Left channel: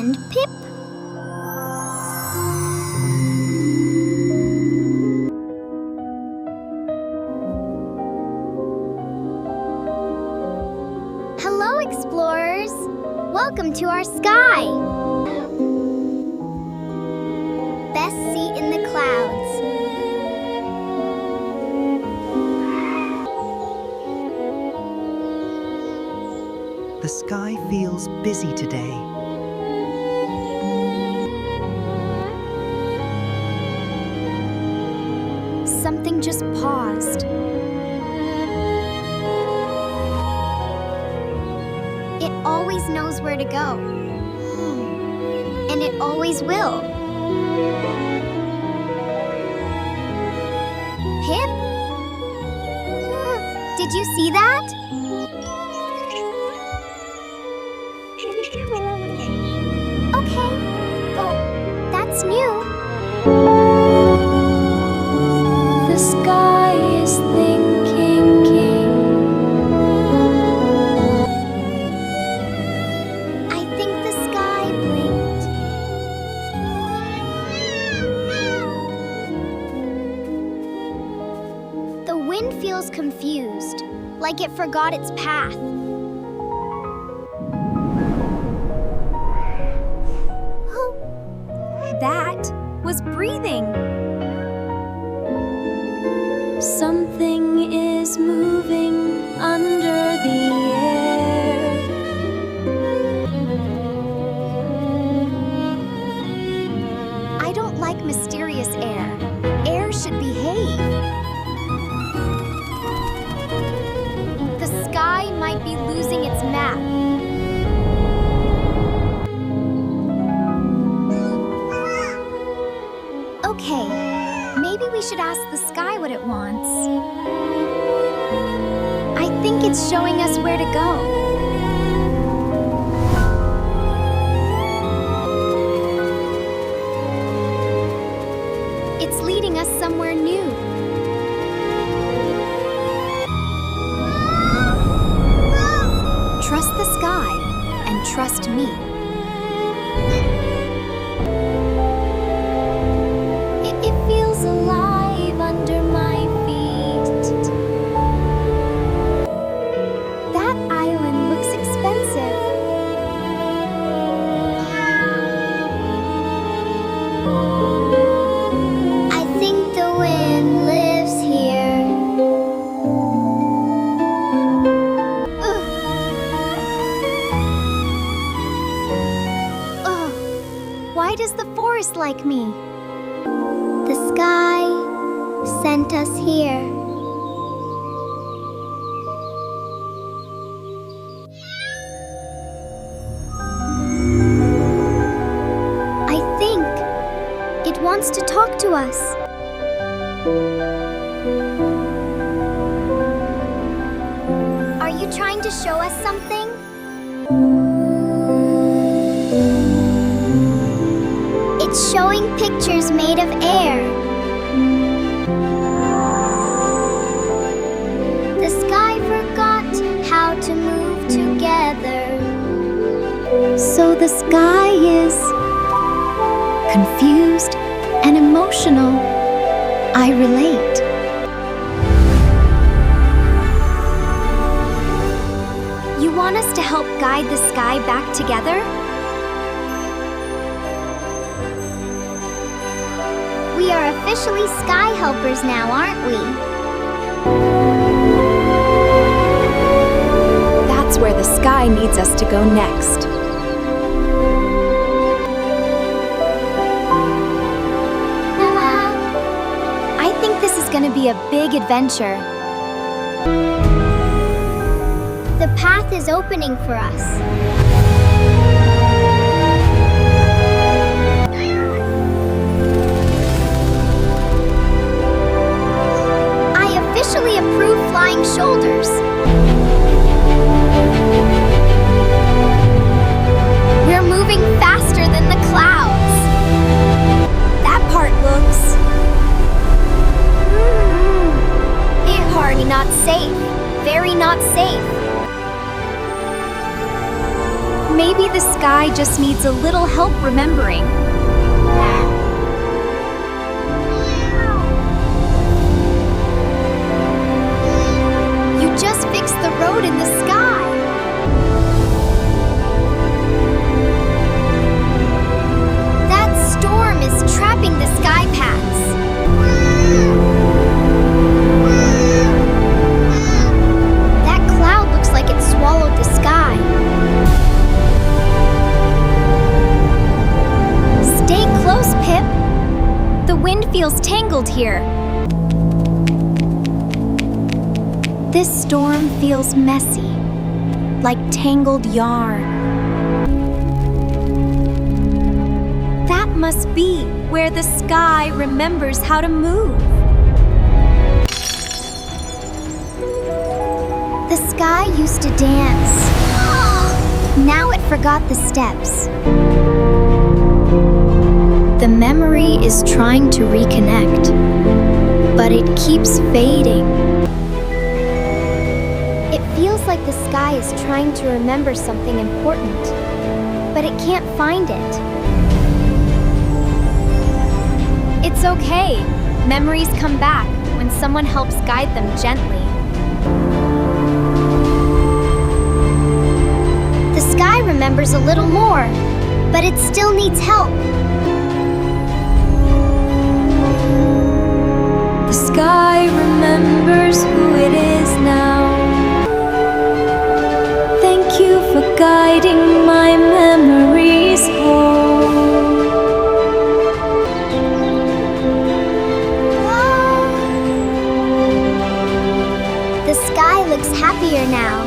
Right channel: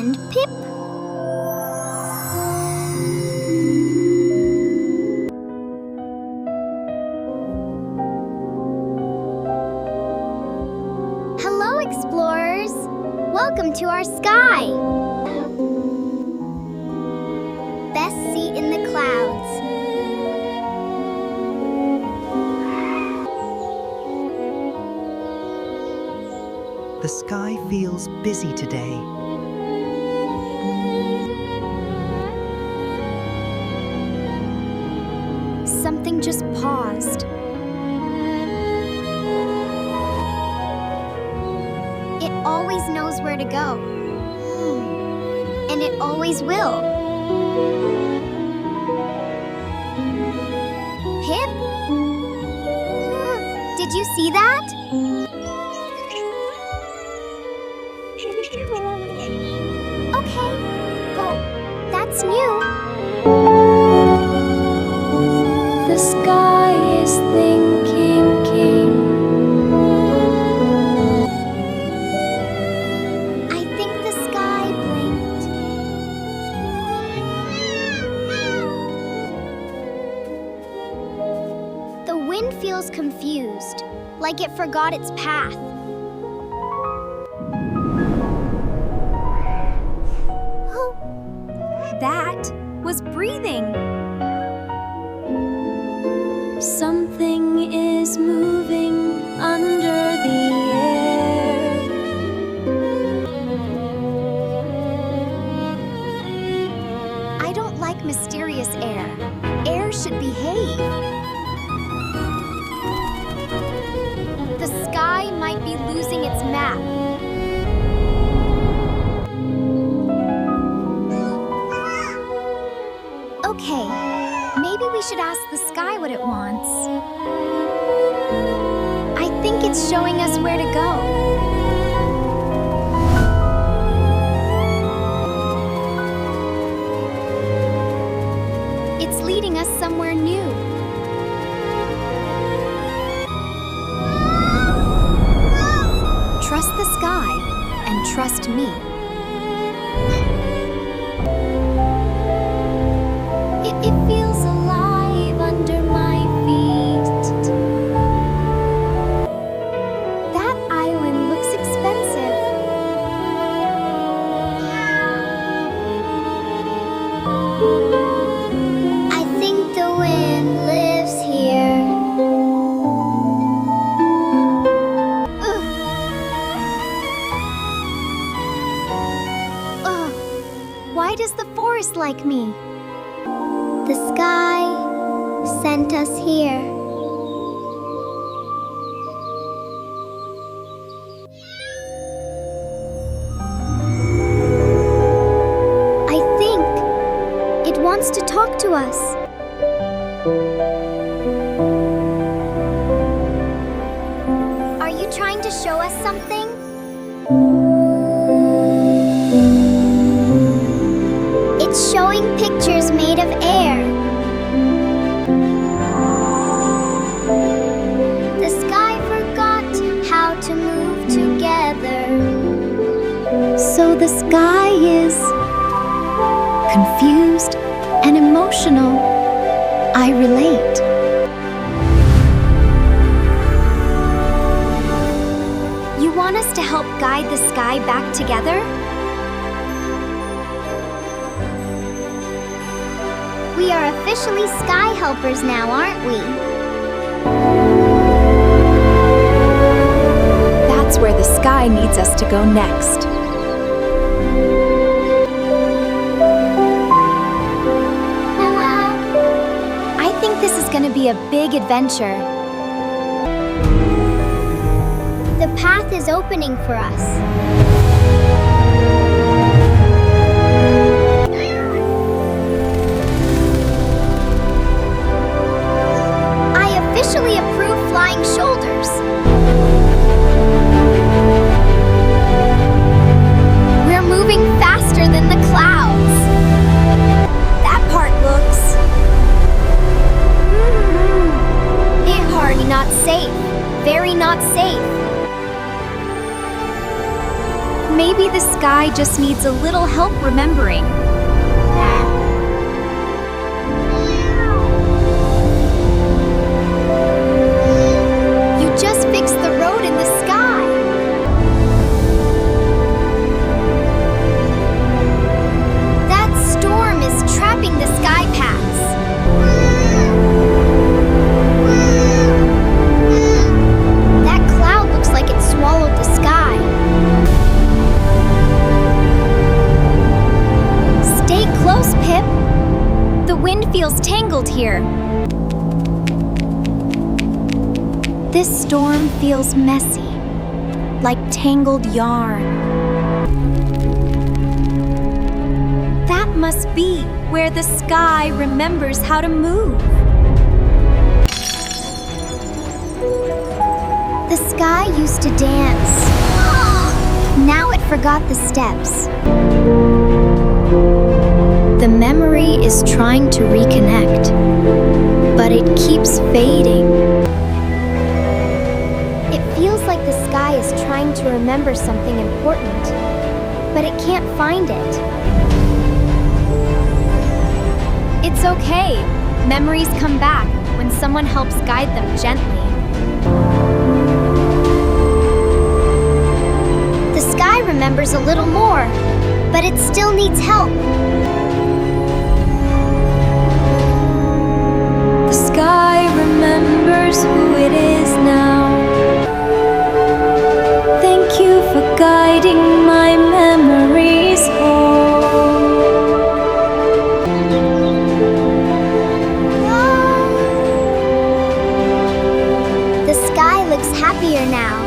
and Pip. Hello, explorers! Welcome to our sky! Best seat in the clouds. The sky feels busy today. Something just paused. It always knows where to go. And it always will. Pip? Did you see that? Okay. Oh, that's new. The sky is thinking. I think the sky blinked. The wind feels confused, like it forgot its path. That was breathing. Something is moving under the air. I don't like mysterious air. Air should behave. The sky might be losing its map. Okay, maybe we should ask the sky what it wants. I think it's showing us where to go. It's leading us somewhere new. Trust the sky and trust me. It feels alive under my feet. That island looks expensive. I think the wind lives here. Ugh. Why does the forest like me? The sky sent us here. I think it wants to talk to us. Are you trying to show us something? It's showing pictures made of air. The sky forgot how to move together. So the sky is confused and emotional. I relate. You want us to help guide the sky back together? We are officially sky helpers now, aren't we? That's where the sky needs us to go next. I think this is going to be a big adventure. The path is opening for us. Officially approve flying shoulders. We're moving faster than the clouds. That part looks hardly not safe. Very not safe. Maybe the sky just needs a little help remembering. You just fixed the road in the sky. That storm is trapping the sky paths. That cloud looks like it swallowed the sky. Stay close, Pip. The wind feels tangled here. This storm feels messy, like tangled yarn. That must be where the sky remembers how to move. The sky used to dance. Now it forgot the steps. The memory is trying to reconnect, but it keeps fading. It feels like the sky is trying to remember something important, but it can't find it. It's okay. Memories come back when someone helps guide them gently. The sky remembers a little more, but it still needs help. The sky remembers who it is now. Thank you for guiding my memories home. The sky looks happier now.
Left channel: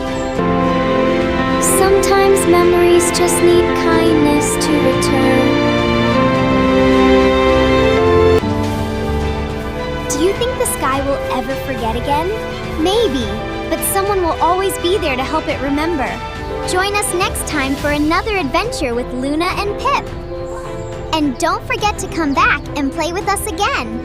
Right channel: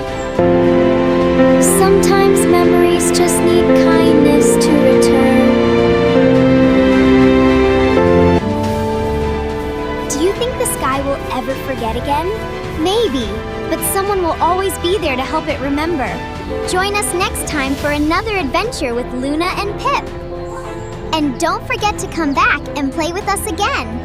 Sometimes memories just need kindness to return. Do you think the sky will ever forget again? Maybe, but someone will always be there to help it remember. Join us next time for another adventure with Luna and Pip. And don't forget to come back and play with us again.